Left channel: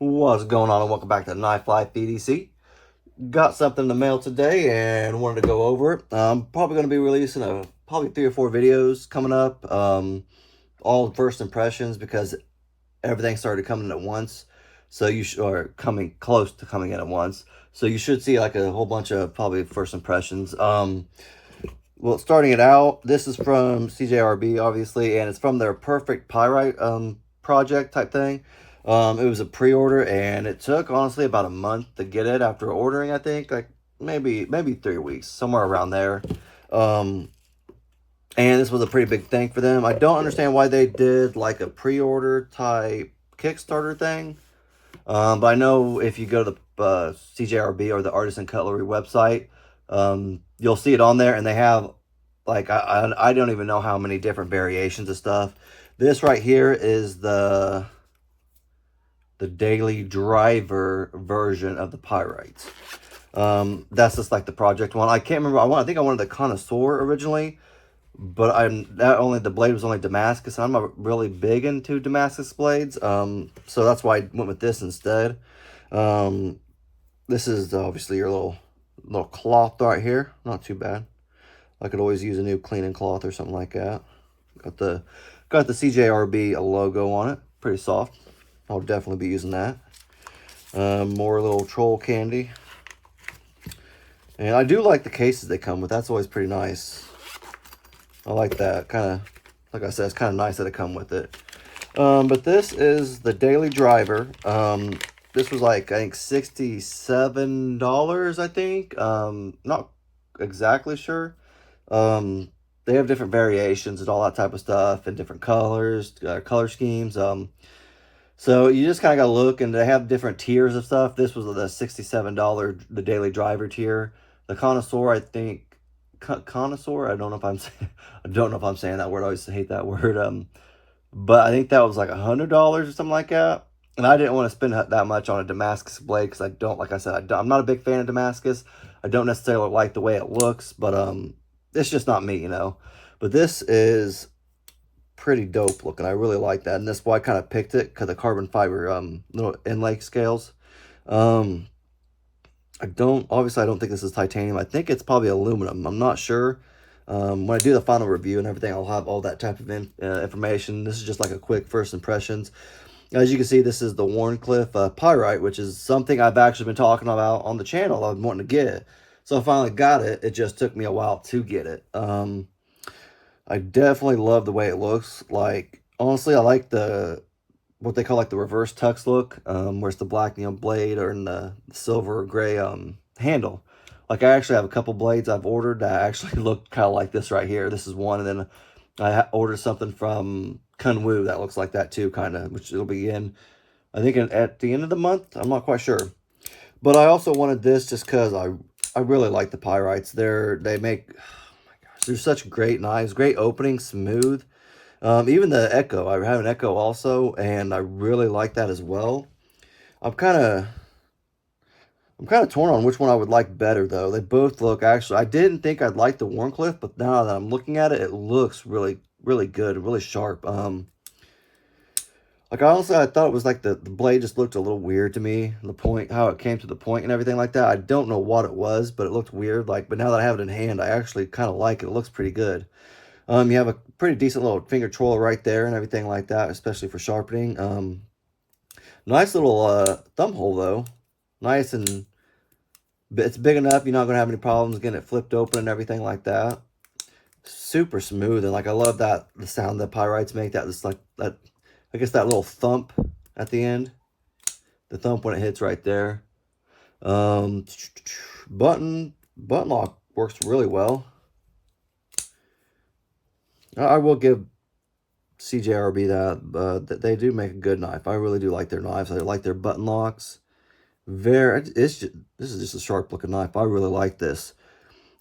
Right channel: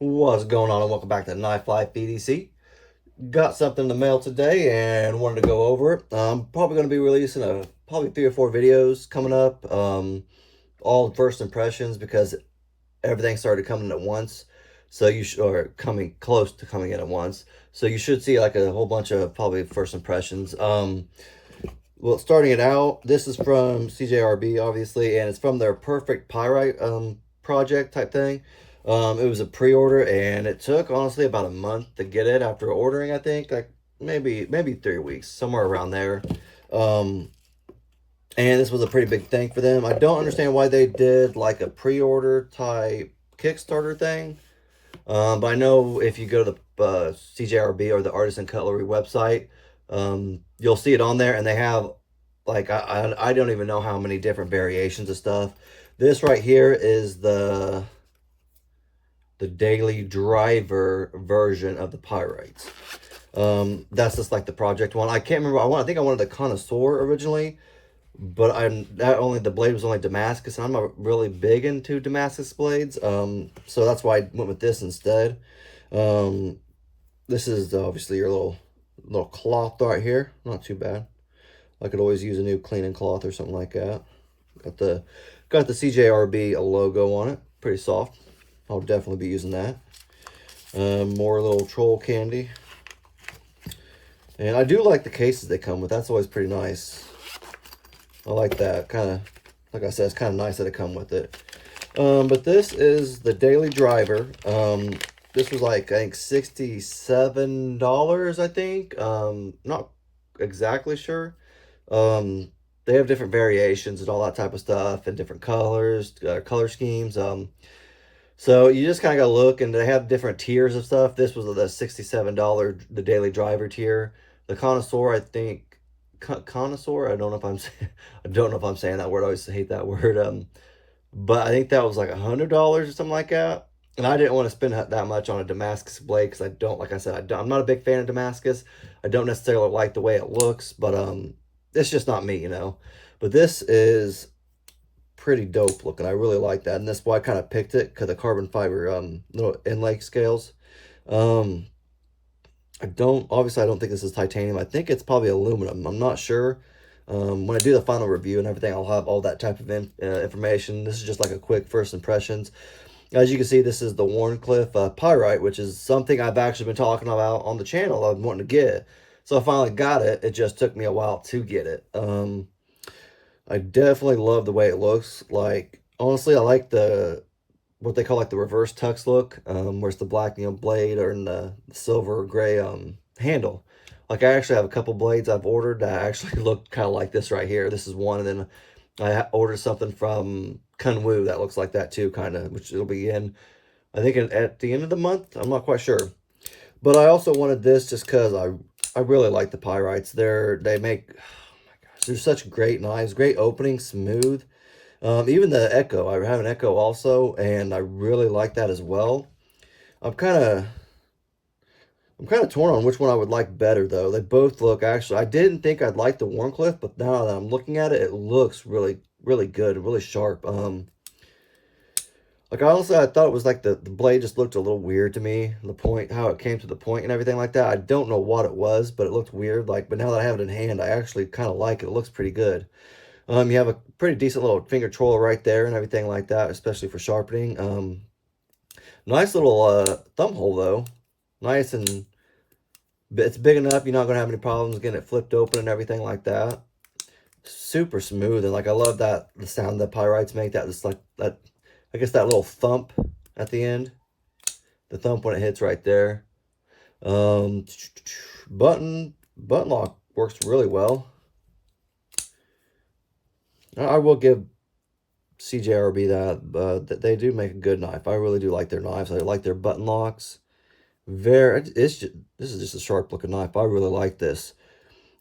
What's going on, and welcome back to Knife Life EDC. Got something in the mail today and wanted to go over it. I'm probably going to be releasing probably 3 or 4 videos coming up. All first impressions because everything started coming at once. So you should, or coming close to coming in at once. So you should see like a whole bunch of probably first impressions. Well, starting it out, this is from CJRB, obviously, and it's from their Perfect Pyrite project type thing. It was a pre-order, and it took, honestly, about a month to get it after ordering, I think. Like, maybe 3 weeks, somewhere around there. Um, and this was a pretty big thing for them. I don't understand why they did, like, a pre-order type Kickstarter thing. But I know if you go to the CJRB or the Artisan Cutlery website, you'll see it on there, and they have like I don't even know how many different variations of stuff. This right here is the daily driver version of the Pyrites. That's just like the project one. I can't remember. I think I wanted the Connoisseur originally, but the blade was only Damascus, and I'm not really big into Damascus blades. So that's why I went with this instead. This is obviously your little cloth right here. Not too bad. I could always use a new cleaning cloth or something like that. Got the CJRB logo on it. Pretty soft. I'll definitely be using that. More little troll candy. And I do like the cases they come with. That's always pretty nice. I like that. Kind of, like I said, it's kind of nice that it come with it. But this is the Daily Driver. This was like, I think, $67, I think. Not exactly sure. They have different variations and all that type of stuff and different colors, color schemes. So you just kind of got to look, and they have different tiers of stuff. This was the $67, the Daily Driver tier. The Connoisseur, I think, Connoisseur. I don't know if I'm I don't know if I'm saying that word. I always hate that word. But I think that was like $100 or something like that. And I didn't want to spend that much on a Damascus blade because I don't, like I said, I'm not a big fan of Damascus. I don't necessarily like the way it looks, but it's just not me, you know. But this is pretty dope looking. I really like that, and that's why I kind of picked it, because the carbon fiber little inlay scales. Obviously I don't think this is titanium. I think it's probably aluminum. I'm not sure. When I do the final review and everything, I'll have all that type of information. This is just like a quick first impressions. As you can see, this is the Wharncliffe Pyrite, which is something I've actually been talking about on the channel. I've been wanting to get. So I finally got it. It just took me a while to get it. I definitely love the way it looks. Like, honestly, I like what they call like the reverse tux look, where it's the black, blade, or in the silver or gray handle. Like, I actually have a couple blades I've ordered that actually look kind of like this right here. This is one, and then I ordered something from Kunwu that looks like that too, kind of, which it'll be in, I think, at the end of the month. I'm not quite sure. But I also wanted this just because I really like the Pyrites. They make, oh my gosh, they're such great knives, great opening, smooth. Even the Ekko, I have an Ekko also, and I really like that as well. I'm kind of torn on which one I would like better, though. They both look, actually, I didn't think I'd like the Wharncliffe, but now that I'm looking at it, it looks really, really good, really sharp. Like, honestly, I thought it was like the blade just looked a little weird to me. The point, how it came to the point and everything like that. I don't know what it was, but it looked weird. Like, but now that I have it in hand, I actually kind of like it. It looks pretty good. You have a pretty decent little finger troll right there and everything like that, especially for sharpening. Nice little thumb hole, though. Nice, and it's big enough. You're not going to have any problems getting it flipped open and everything like that. Super smooth, and like, I love the sound that Pyrites make. That is like that, I guess, that little thump at the end. The thump when it hits right there. Button lock works really well. I will give CJRB that they do make a good knife. I really do like their knives. I like their button locks. This is just a sharp looking knife. I really like this.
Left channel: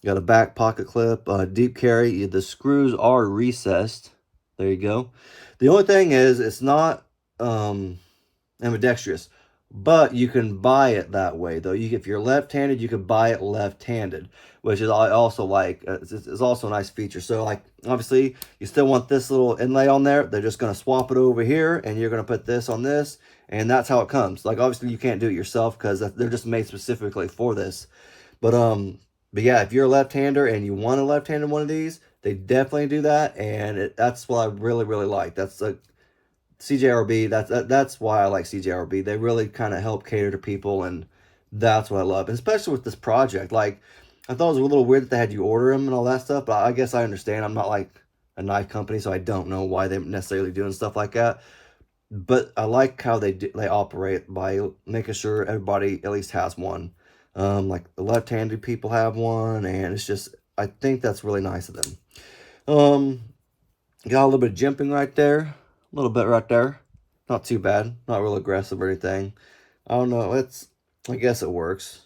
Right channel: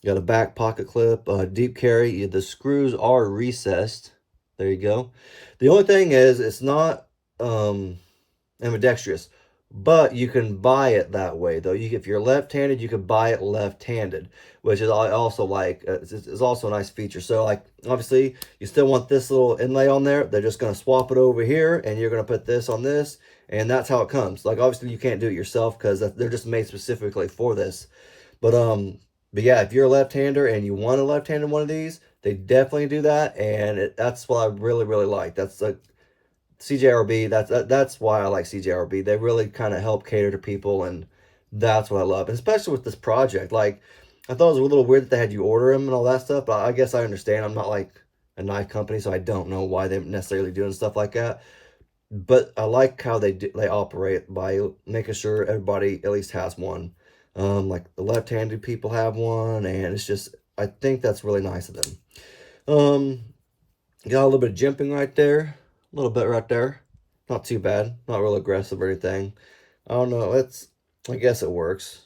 You got a back pocket clip, deep carry. The screws are recessed. There you go. The only thing is, it's not ambidextrous, but you can buy it that way, though. If you're left-handed, you can buy it left-handed, which is I also like. It's also a nice feature. So, like, obviously, you still want this little inlay on there. They're just going to swap it over here, and you're going to put this on this, And that's how it comes. Like, obviously you can't do it yourself because they're just made specifically for this. But yeah, if you're a left-hander and you want a left-handed one of these, they definitely do that, and that's what I really, really like. That's like CJRB. That's why I like CJRB. They really kind of help cater to people, and that's what I love. And especially with this project, like, I thought it was a little weird that they had you order them and all that stuff, but I guess I understand. I'm not like a knife company, so I don't know why they're necessarily doing stuff like that. But I like how they operate by making sure everybody at least has one. Like the left-handed people have one, and it's just, I think that's really nice of them. Got a little bit of jimping right there, a little bit right there. Not too bad, not real aggressive or anything. I don't know, I guess it works.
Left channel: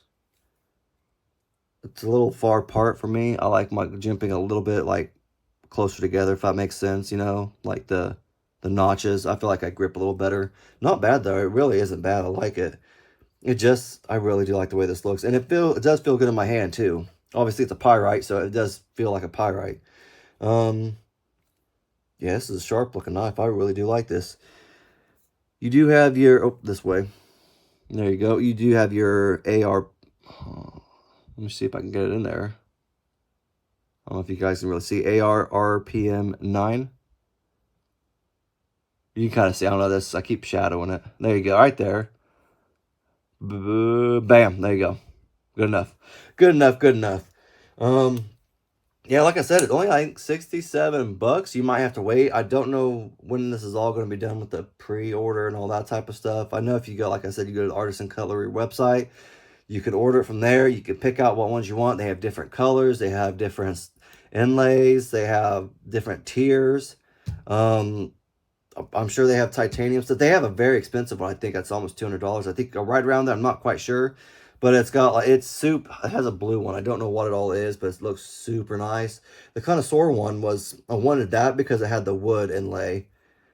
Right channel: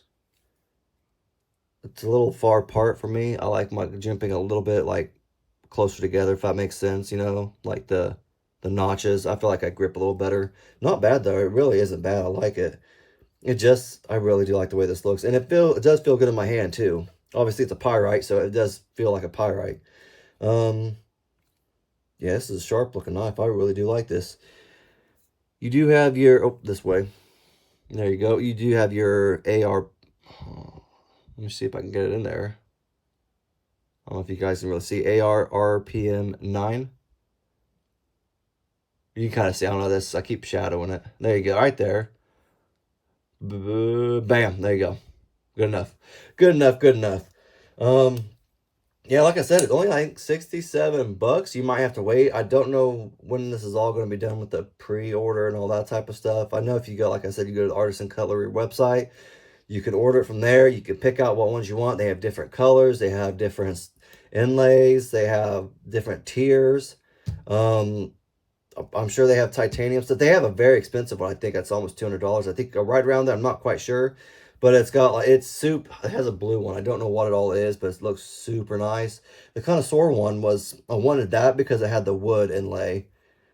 It's a little far apart for me. I like my jimping a little bit like closer together, if that makes sense, you know, like the notches. I feel like I grip a little better. Not bad though, it really isn't bad. I like it. I really do like the way this looks. And it does feel good in my hand too. Obviously it's a pyrite, so it does feel like a pyrite. Yeah, this is a sharp looking knife. I really do like this. You do have your, oh, this way. There you go. You do have your AR. Let me see if I can get it in there. I don't know if you guys can really see. AR RPM 9. You can kind of see, I don't know this. I keep shadowing it. There you go, right there. Bam, there you go. Good enough. Good enough, good enough. Yeah, like I said, it's only, I think, $67. You might have to wait. I don't know when this is all going to be done with the pre-order and all that type of stuff. I know if you go, like I said, you go to the Artisan Cutlery website, you can order it from there. You can pick out what ones you want. They have different colors. They have different inlays. They have different tiers. I'm sure they have titanium stuff. They have a very expensive one. I think that's almost $200. I think right around there. I'm not quite sure. But it's got, like, it has a blue one. I don't know what it all is, but it looks super nice. The connoisseur one I wanted that because it had the wood inlay.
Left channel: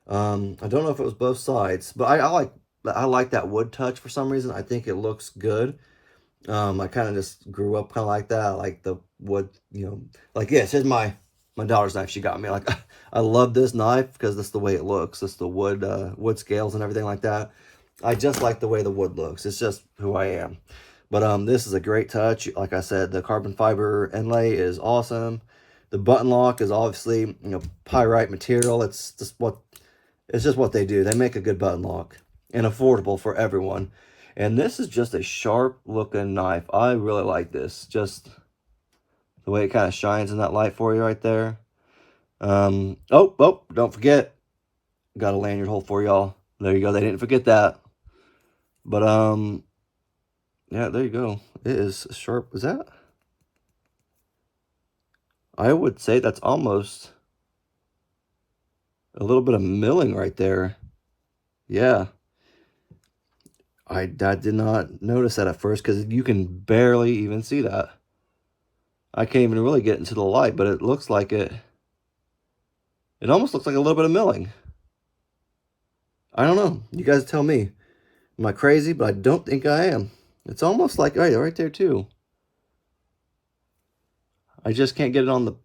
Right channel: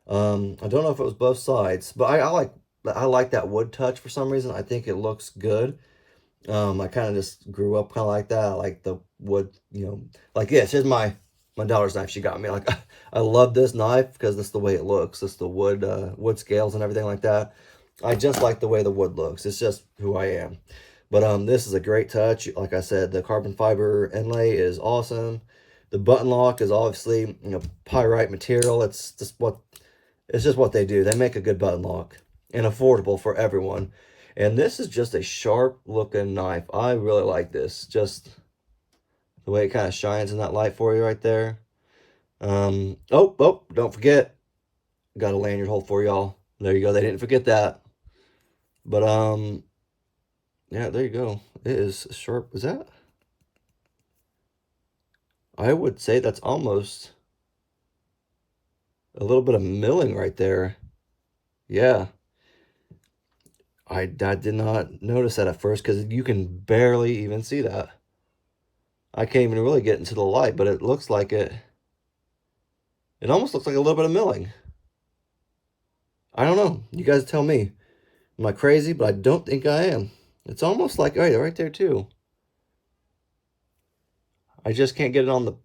I don't know if it was both sides, but I like that wood touch for some reason. I think it looks good. I kind of just grew up kind of like that. I like the wood, you know, like, yeah, it's just my daughter's knife she got me. Like, I love this knife because that's the way it looks. It's the wood scales and everything like that. I just like the way the wood looks. It's just who I am. But this is a great touch. Like I said, the carbon fiber inlay is awesome. The button lock is obviously, you know, pyrite material. It's just what they do. They make a good button lock and affordable for everyone. And this is just a sharp looking knife. I really like this. Just the way it kind of shines in that light for you right there. Oh, don't forget. Got a lanyard hole for y'all. There you go. They didn't forget that. But yeah, there you go. It is sharp. Is that? I would say that's almost a little bit of milling right there. Yeah. I did not notice that at first because you can barely even see that. I can't even really get into the light, but it looks like it almost looks like a little bit of milling. I don't know. You guys tell me. Am I crazy? But I don't think I am. It's almost like, right there too. I just can't get it on the,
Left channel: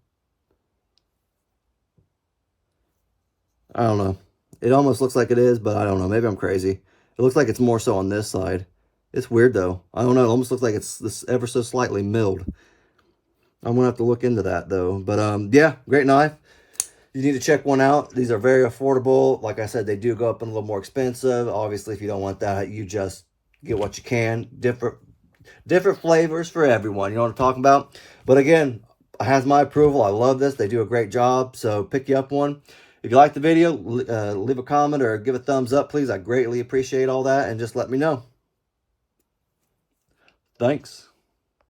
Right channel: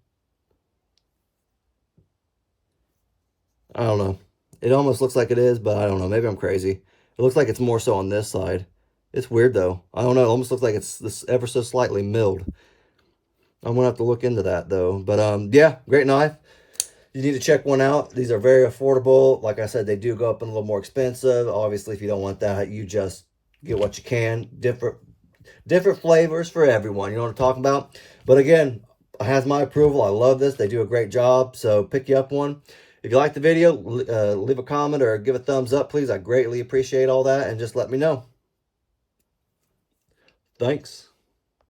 I don't know. It almost looks like it is, but I don't know. Maybe I'm crazy. It looks like it's more so on this side. It's weird though. I don't know. It almost looks like it's this ever so slightly milled. I'm gonna have to look into that though. But yeah, great knife. You need to check one out. These are very affordable. Like I said, they do go up and a little more expensive. Obviously, if you don't want that, you just get what you can. Different flavors for everyone. You know what I'm talking about? But again, it has my approval. I love this. They do a great job. So pick you up one. If you like the video, leave a comment or give a thumbs up, please. I greatly appreciate all that. And just let me know. Thanks.